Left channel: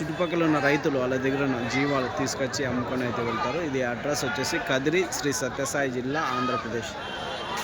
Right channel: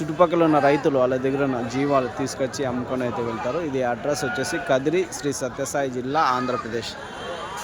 చుట్టుపక్కల ఉన్న రైతులు వాళ్ళ దగ్గర ఉన్న జీవాలు తీసుకొచ్చి అమ్ముకొని అయితే వెళ్తారు. ఇది అడ్రస్ వచ్చేసి కదిరి శ్రీ సత్యసాయి జిల్లా ఆంధ్రప్రదేశ్.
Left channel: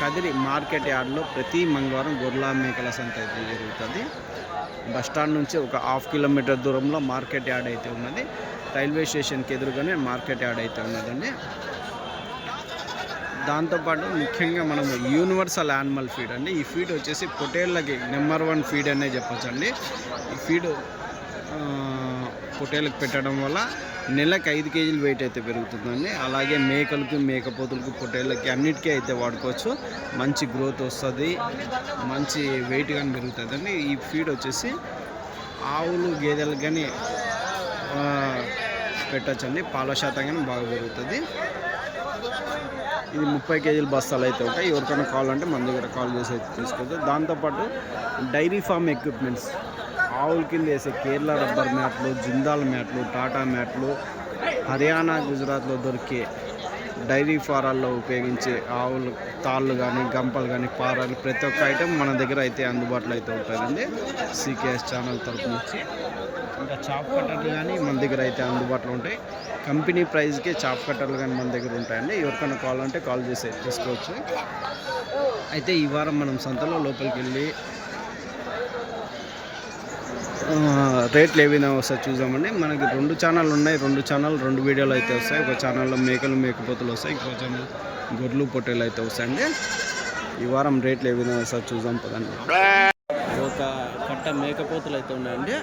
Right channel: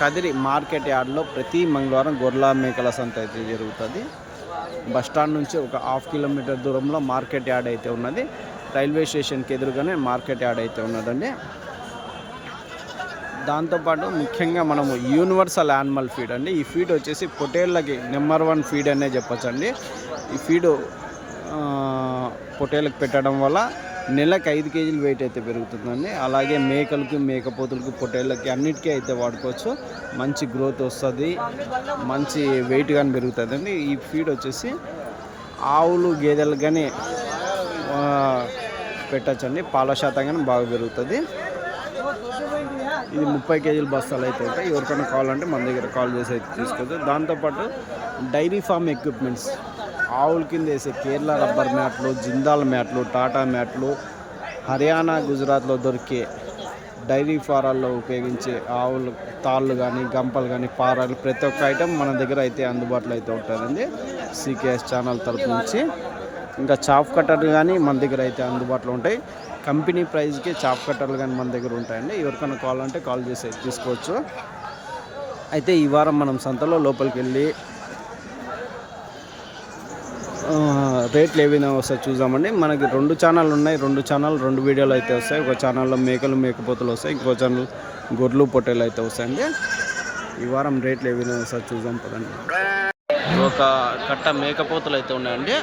కదిరి మార్కెట్ యార్డ్లో ప్రతి మంగళవారం గొర్రెల మేకల సంత అయితే జరుగుతుంది. బస్టాండ్ నుంచి ఒక హాఫ్ కిలోమీటర్ దూరంలో మార్కెట్ యార్డ్ అయితే ఉన్నది. రైల్వే స్టేషన్కి ఎదురుగానే మార్కెట్ యార్డ్ అయితే ఉన్నదండి. దాంతోపాటు ముఖ్యంగా మనము యూనివర్సల్ యానిమల్ ఫీడ్ అండి. ఈ ఫీడ్ వచ్చేసి పొటేళ్ళకి నెంబర్ వన్ ఫీడ్ అనే చెప్పొచ్చండి. ఈ ఫీడ్ పొట్టేలకు పెట్టడం వల్ల నెలకు ఐదు కేజీలు వెయిట్ అయితే పెరుగుతుందండి. అలాగే మేకలకు మేకపోతులకు పొట్టేళ్ళకి అన్నిటికీ అయితే వాడుకోవచ్చు. మంచి గ్రోత్ వస్తుంది. మంచి వెయిట్ కానీ పెరుగుతుందండి. ఈ ఫీడ్ వచ్చేసి ఆవులు గేదెలకు కానీ పెట్టచ్చండి. పాల శాతం కానీ బాగా పెరుగుతుంది. ఇది ముప్పై కేజీల బస్తాలు అయితే ఉంటాయి. ఎవరికైనా కావాలంటే మన దగ్గర కాల్ చేసి అయితే తీసుకోవచ్చు. దాంతోపాటు డైరీ ఫామ్ ఎక్విప్మెంట్స్ ఆవుల కింద వేసే కేరళ రబ్బర్ మ్యాట్లు జిందాల్ మ్యాట్లు టాటా మ్యాట్లు హర్యానా గుజరాత్లో దొరికే డైరీ ఫారాల్లో ఉపయోగించే ఆవులు తాళ్ళు కానీ గంపలు కానీ పారాలు ప్రతి ఒక్క ఐటెం మన దగ్గర అయితే అందుబాటులో అయితే ఉంటుందండి సీకేఎస్ ఛానల్ తరపు నుంచి. ఇంకా చాప్ కట్టర్లు కానీ మన దగ్గర అయితే అందుబాటులో ఉంటాయి. కంపెనీ ప్రైస్కి చాప్ కట్టర్లు కానీ మన దగ్గర ఉంటాయండి. ఎవరికైనా కావాలంటే కాల్ చేసి తీసుకోవచ్చు. అయితే ఈ వారం మనం సంతలో లోపలికి వెళ్ళి రేట్లు ఏవైనా వస్తాయి చూద్దామండి. మనకి రెండు ఛానల్ ఉన్నాయి. రెండు ఛానల్ రెండు వీడియోలు అయితే వస్తాయి. ఒక ఛానల్లో మేకలు మేకపోతులు వస్తాయి. ఇంకో ఛానల్ గొడ్లు పొట్టేలు అయితే వస్తాయండి. ఈ వారం రేట్లు ఏవైనా వస్తాయి చూద్దాం పదండి. ఒక కట్ట మేకపోతులు అయితే ఉన్నాయండి.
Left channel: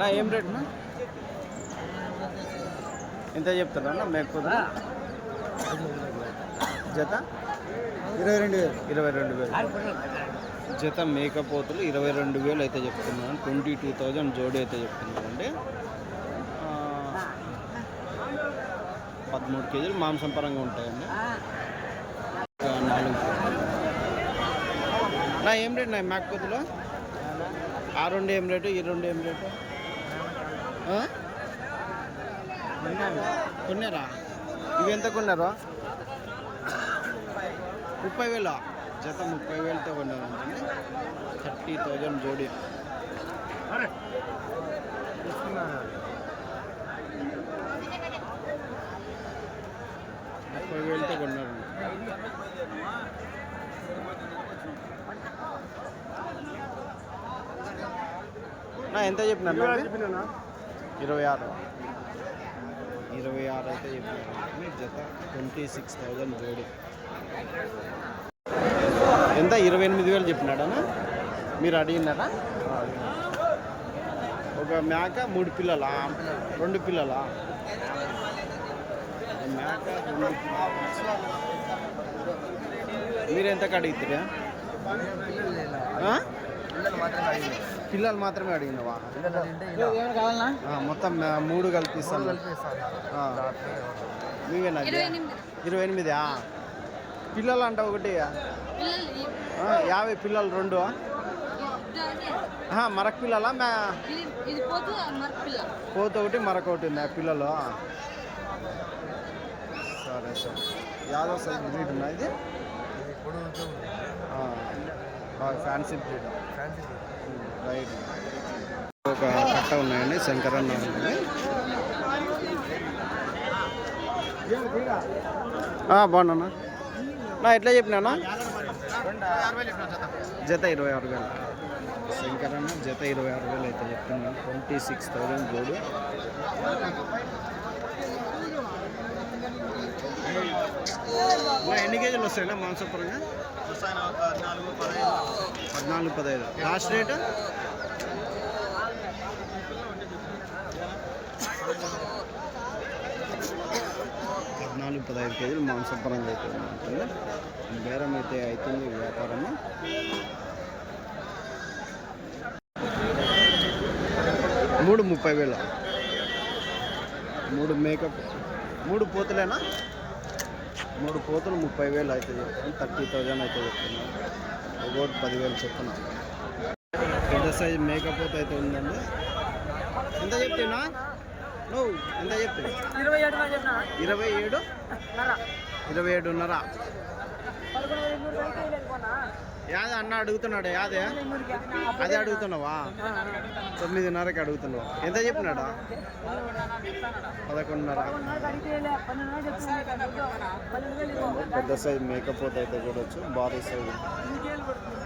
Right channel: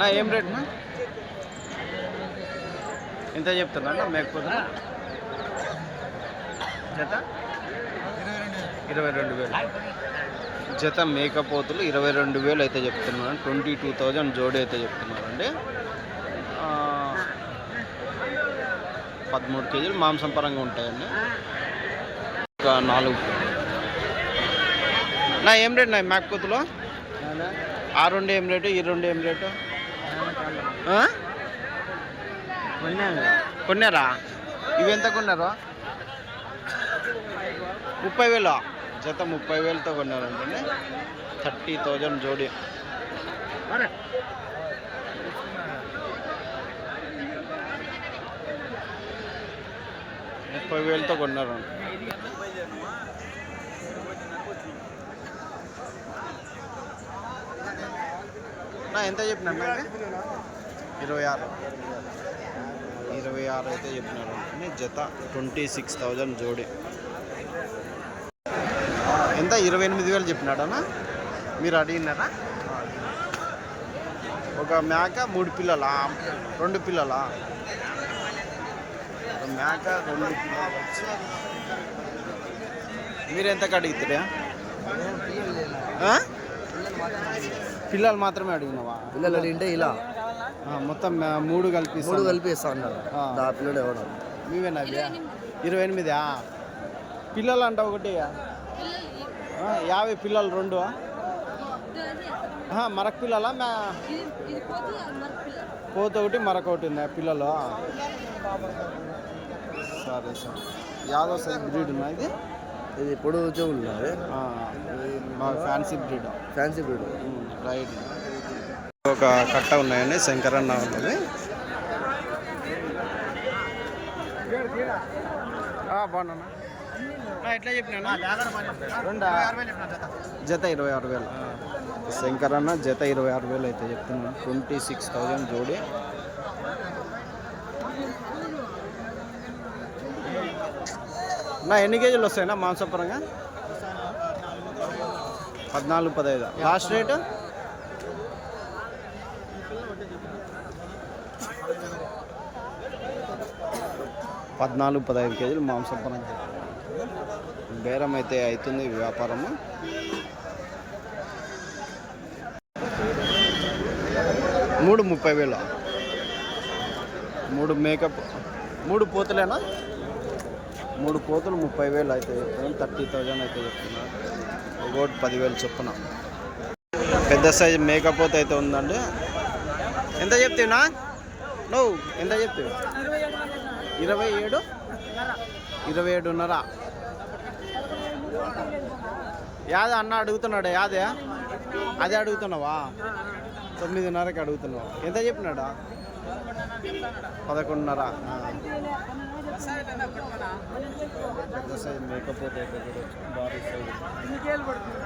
నా ఏం రేట్ నా? ఎంత చెప్తున్నా మేకపోతలు మేకపోతులు? జత? ఇరవై రెండు వేలు. జత మేకపోతులు ఇరవై రెండు వేలు అయితే చెప్తున్నారు ట్వంటీ టూ థౌజండ్ జోడి అయితే చెప్తున్నారండి. పదమూడు కేజీలు మాంసం పరంగా ఉంటాయండి. ఒక నాలుగు. నా ఏం రేట్ నా మేకపోతులు? ఆ రెండు ఏం రేటు? ఈ రెండు ఏం రేటు? కొన్నారా? ఇవి ఎంత కొన్నారు? ముప్పై వేలు? జత ముప్పై వేలతో కొన్నారంటే థర్టీ థౌజండ్ జోడి. ముప్పై వేలతో కొన్నారంట. నా ఎంత చెప్పినారు ఇరవై ఆరు ఇరవై ఆరు. అయితే చెప్పినారు అంటే జత ట్వంటీ సిక్స్ థౌజండ్ జోడి. ఎంత? ఇరవై ఎనిమిది వేలు చెప్పినాడనా? మీరు అడిగినారా? ఒక మేక మూడు పిల్లలా? రెండు పిల్లలా? ఒక మేక రెండు పిల్లలు. వచ్చి మీరు ఎంతకు అడుగుతారా? పిల్లలు మాత్రమే అడిగినవా? పిల్లలు అడిగింటే ఇలా. మొత్తం మూడు కల్పిస్తాను. కలిపి ఇస్తా ఉన్నారు ఆ. నా పిల్లడు ఎవడు. మీవేనా ఇరవై ఎనిమిది? పిల్లలు అంట ఒకటి. యాభై పిల్లలు రెండు మరక పిల్లలా? మే పోత ఒకటి మరొక ఒకటి ఉంది. ఆ పిల్లలు సరే సరే. యాదవ్ సైజ్ బ్రీడ్ ఉన్నా ఇది? ఇది ఇప్పుడు బాగా fancy breed. Fancy breed. Right. ఒక కట్ట ఉన్నాయండి శంకరన్న ఆ, బాగున్నా నా ఎట్లా చెప్పినా జత ఇరవై ఆరు వేల. శంకరన్న జత ఇరవై ఆరు వేలు అయితే చెప్తున్నాను ట్వంటీ సిక్స్ థౌజండ్ జోడి. నా ఎన్ని కేజీలు వస్తాయినా మాంసపరంగా పద్నాలుగు పదహైదు. లాస్ట్ రేటు పద్నాలుగు పదహైదు కేజీలు మాంసపరంగా అయితే ఉంటుంది బేరం అయితే అవుతుంది ఈ వ్యాపారము. మూడు ముప్పై వేలు. మూడు మేకప్ మూడు పోతులేనా? మూడు పోతులు ముప్పై వేలు అయితే చెప్తున్నాను థర్టీ థౌజండ్ అయితే చెప్తున్నాను ఒకటి పదివేలు చొప్పున. పెద్ద సైజ్ మేకపోత అయితే ఉందండి. ఎంత చెప్తున్నా? నువ్వు ఎంత చెప్తావు ఇరవై ఏడు ఇరవై ఏడు నర. ఇరవై ఏడున్నర. యాదే అన్న అడుగుతున్నాడు యాదే? అదే అడుగుతున్నావా? తొమ్మిదిన్నరకి అడుగుతున్నావు. ఎంత చెప్పినాడా? పదకొండున్నర. పెద్ద సైజ్ మేకపోతే అయితే చూడొచ్చు భారీ సైజు. నీకేళ్ళు పడుతుంది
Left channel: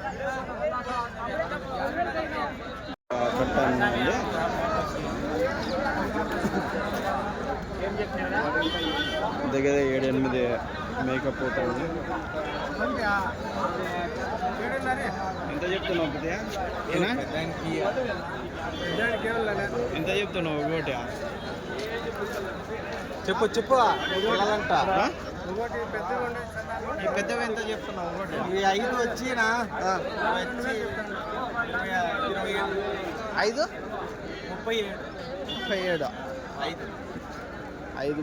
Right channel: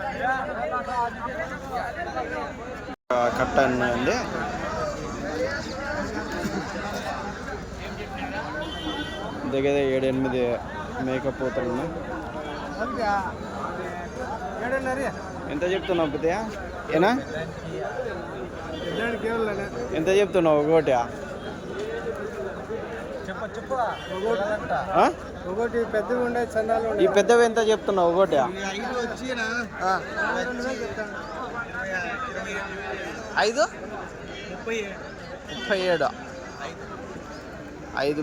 కట్ట ఉన్నాయండి దగ్గర ఏడు ఎనిమిది మేకప్ పోతలు ఉన్నాయి. ఎంత చెప్తున్నావు పెద్దయా ఏనా? ఎంత చెప్తున్నావు ఒకటి చెప్పు చెప్పు? ఒకటి పెద్దగా ఈ పెద్దవి ఎంత చెప్తున్నావు ఒకటి ఐదు వచ్చినా ఐదు? ముప్పై ముప్పై ఏడు. ఐదు.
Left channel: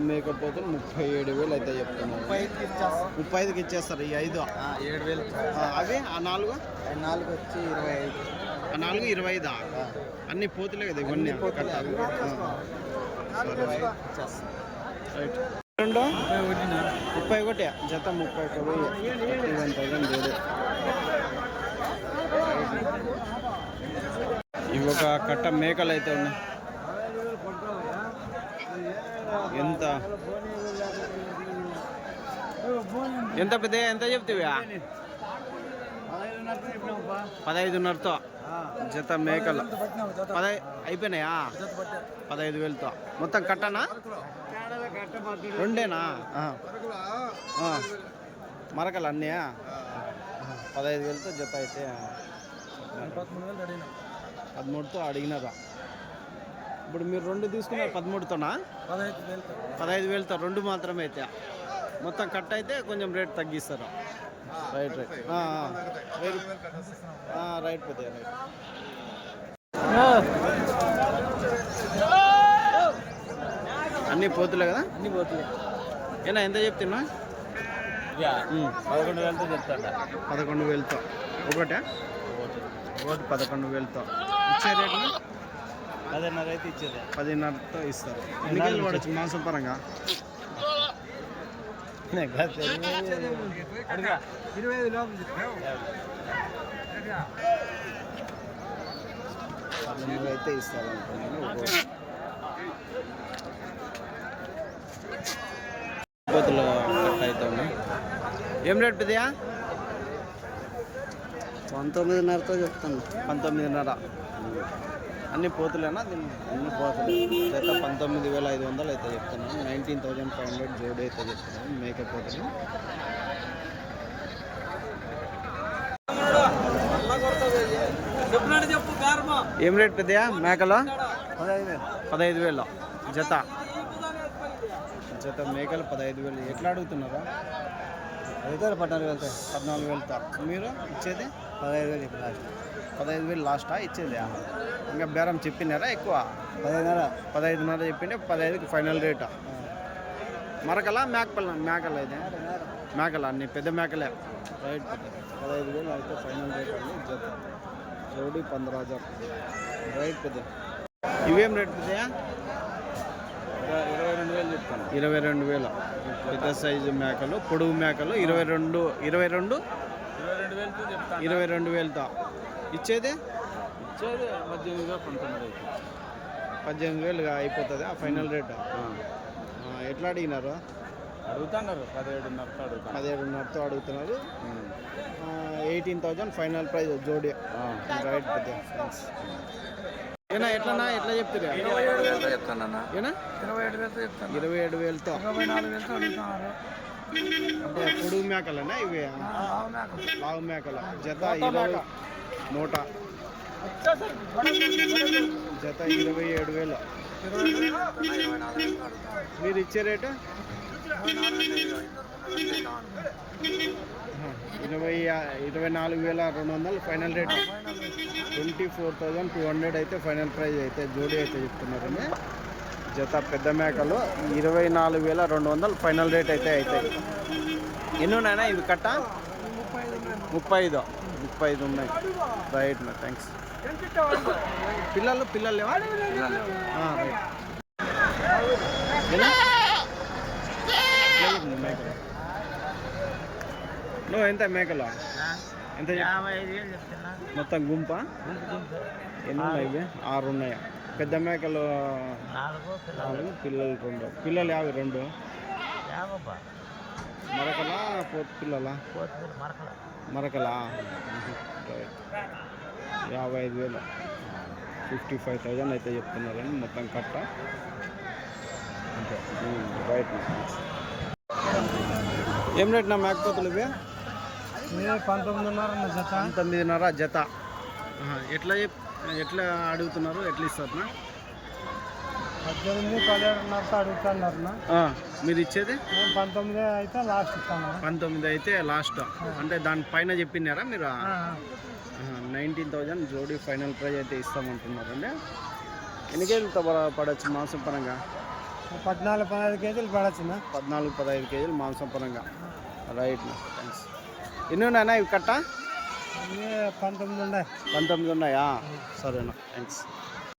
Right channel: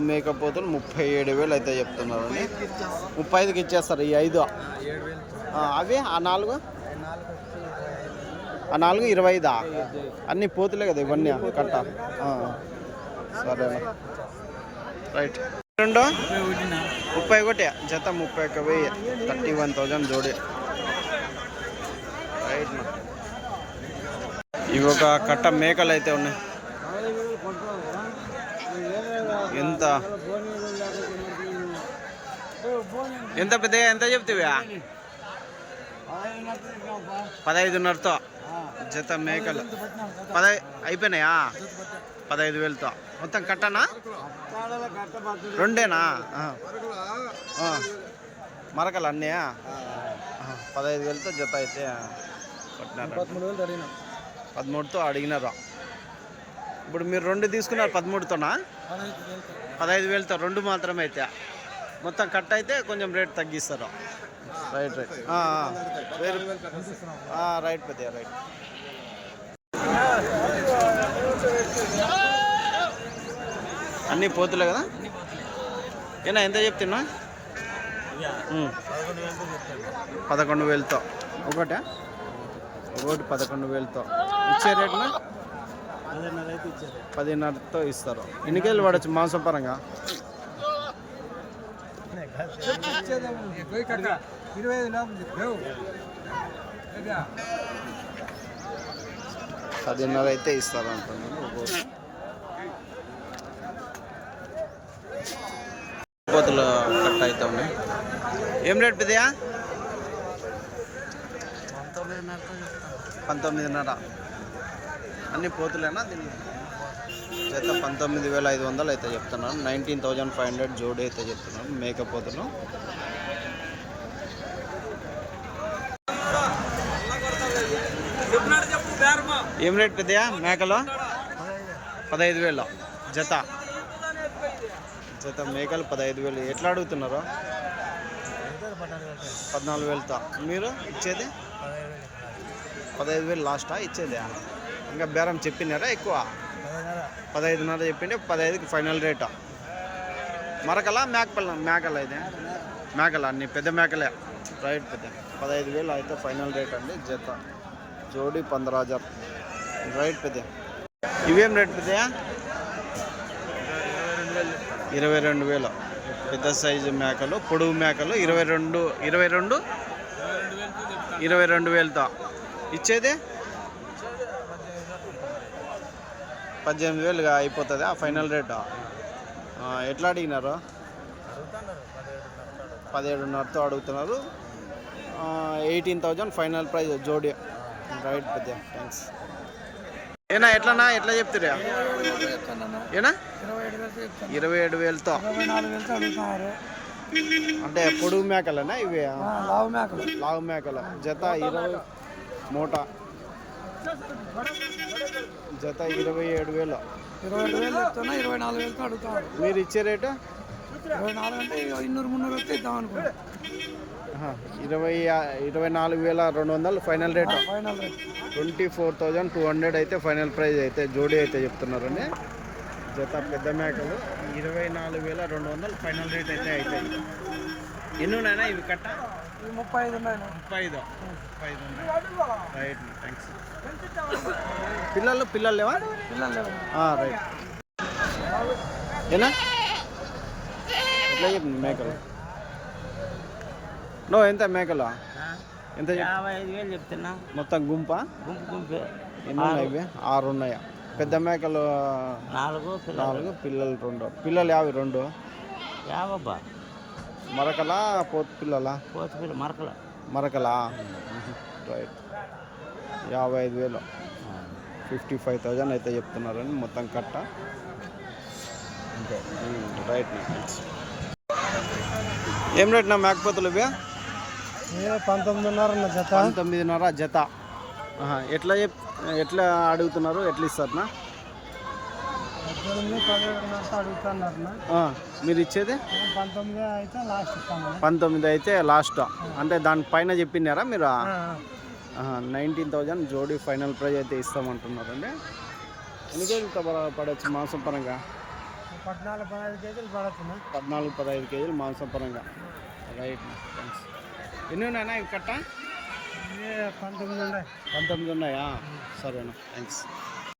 మేకప్ పోతులు ముప్పై ఏడు వేలు అయితే చెప్తున్నారు ముప్పై ఐదుకి ఇచ్చేస్తారు ఈ ఐదు. అవి ఆ నాలుగు? ఐదు. ఆ నాలుగు ఇరవై ఐదా? అన్ని పోతులే కదా ఇవన్నీ కట్ట. సరేనా రైట్. రెండు? ముప్పై ఒకటి. జత ముప్పై ఒక వెయ్యి. థర్టీ వన్ థౌజండ్ జోడి. రైట్. ఇవి ఒక కట్ట మేకలు అయితే ఉన్నాయి. ఎంత? ఎంత పెద్ద ఎంత చెప్తావా? పదహైదున్నరతో. జత మేకలు. పదహై అయిపోయినాయా? పదహైదు వేలతో. మొత్తం కట్టనా? రెండేనా? మరకలు అన్నయా పదహైదు వేలతో జత అయితే పట్టినారు పదమూడుతో అడిగినారు. ఇప్పుడు మీరు రెండు తీసుకున్నారు పదమూడుతోనా? పదహైదు వేలతో రెండు మాత్రమే అయితే మొత్తం కట్ అయితే కొంచెం రేట్ తగ్గిస్తారు. రైట్ రైట్ ఆ, ఆ. వేరు ఆ, రైట్ పెద్దయ్య రైట్. అన్నీ పోతులే కదా? ఏనా ఎంత చెప్తున్నా. పదకొండు వేలతో. ఒకటే? ఒకటి పదకొండు వేలతో. ఇచ్చే రేట్నా? పదిన్నరతో ఇస్తారు. ఎన్ని కేజీలు పడచ్చు మాంసం పరంగా పదిన్నర అయితే ఇస్తారు అంటున్నాను పోతులు కట్ అవుతా ఉన్నాయి. ఏం రేట్ పెద్దయా పంతొమ్మిదిన్నరతో చెప్తాను పంతొమ్మిదిన్నర. అన్ని పోతులేనా? దీన్ని జత పంతొమ్మిది వేల ఐదు వందలు అయితే చెప్తున్నాను. నైన్టీన్ థౌజండ్ ఫైవ్ హండ్రెడ్ జోడి అయితే చెప్తున్నాను. మేక పోతులు. ఏం రేట్ పెద్దయా మేకలో? పదహైదు వేలు. జత. జత మేకలు పదహైదు వేలు. ఎట్లా అడుగుతున్నారు? పద్నాలుగు వేలతో. మీరు ఇచ్చేది? పదహైదు వేలు పదహైదు వేలు లాస్టా? ఇచ్చేది? ఇంకా బేరం చెప్పినారా ఎక్కువ? పదహైదున్నర చెప్పింటే పదహైదుకి ఫైనల్ రేటు. మరకలా మేకపల్ల మేకల ఇది? మేకల అన్ని పెద్ద మేకలే. రైట్ పెద్ద. పదహైదు వేలు అయితే ఫైనల్ రేట్ అండి జత. జోడి పందరాజర్. రైట్ పెద్ద. ఇవేం రేట్ పెద్దయా ఇరవై రెండు వేలు పెద్ద సైజు మేకలు పొడుగు మేకలు ఇరవై రెండు ఇరవై రెండు? ఇరవై రెండు వేలతో. ఇచ్చేది? పద్దెనిమిది వేలుగా అయిపోతుంది ఆ ఫైనల్ రేటు ఆ, ఎట్లా అడిగినారు? పదిహేడున్నరతో అడుగుతున్నారు. ఎయిటీన్ థౌజండ్ ఫైనల్ ప్రైస్ జోడి. రైట్ పెద్ద థ్యాంక్స్ ఏనా ఎట్లనా ఎట్లా చెప్తురా ఏనా? ఇరవై ఏడు వేలతో అంటే పొడుగు మేకలనా ఇవి? లావు మేకలు. లావు మేకలు. జత ఇరవై మూట. జత ఇరవై ఏడు వేలు. మీరు ఇచ్చే రేటు? ఇరవై ఇరవై నాలుగు వేల రెండు వందలు final rate. Rate twenty four thousand two hundred అయితే ఫైనల్ ప్రైస్ అయితే జోడీ అయితే చెప్తున్నారండి. జత పెద్ద మేకలు ఇరవై నాలుగు వేల రెండు వందలు ఫైనల్ రేట్ అయితే అవుతాయి. ఎన్ని ఉన్నాయన్నా ఇవి కట్ట? ముప్పై ఐదు ముప్పై ఐదు. ఉన్నాయి. రైట్ నా థ్యాంక్స్ పిల్లలు పిల్లలు లేవా? ఆ, రైట్ మేకలు. నో ఎంత మేకలు? ఎంత యాభై మొత్తం గుంప? ఎన్ని ఉన్నాయి ఇవి? ఆరు ఉన్నాయా? పెద్ద మేకలు నాలుగు నాలుగు పిల్లలు రెండు. పిల్లలు యాభై రెండు? యాభబ్బా మరకలా? పోతు పిల్లలా మరకల. మరకలా? రైట్. యాభై ఐదు వేలు. ఫిఫ్టీ ఫైవ్ థౌజండ్ అయితే చెప్తున్నారని మొత్తం కట్ట. అంతే. రైట్ నా థ్యాంక్స్ ఏం రేట్ నా మేకపోతులు ఇవి? పంతొమ్మిదిన్నర జత. పంతొమ్మిదిన్నర జత. ఎట్లా చెప్ ఎట్లా అడుగుతున్నారు? ఎట్లా ఇస్తారు నా? పద్దెనిమిది పదిహేడున్నరతో అడుగుతున్నారు ఆ, మీరు ఇచ్చేది? మేము పంతొమ్మిది అయితే లాస్ట్ పంతొమ్మిది అయితే లాస్ట్ అంటే దాని పైన చెప్పినారా మీరు? నైన్టీన్ థౌజండ్ జోడీ ఫైనల్ ప్రైజ్ అయితే ఇస్తామంటున్నారండి. ఎన్ని కేజీలతో పడ- పడవచ్చు మాంసం పరంగా? పద్నాలుగు పదహైదు కేజీలు పడచ్చునా పద్నాలుగు పదహైదు కేజీలు మాంసం పరంగా. రైట్ థ్యాంక్స్ ఎన్ని ఉన్నాయన్నా ఇవి కట్ట? పంతొమ్మిది ఉన్నాయి. పంతొమ్మిది ఉన్నాయా? సరేనా థ్యాంక్స్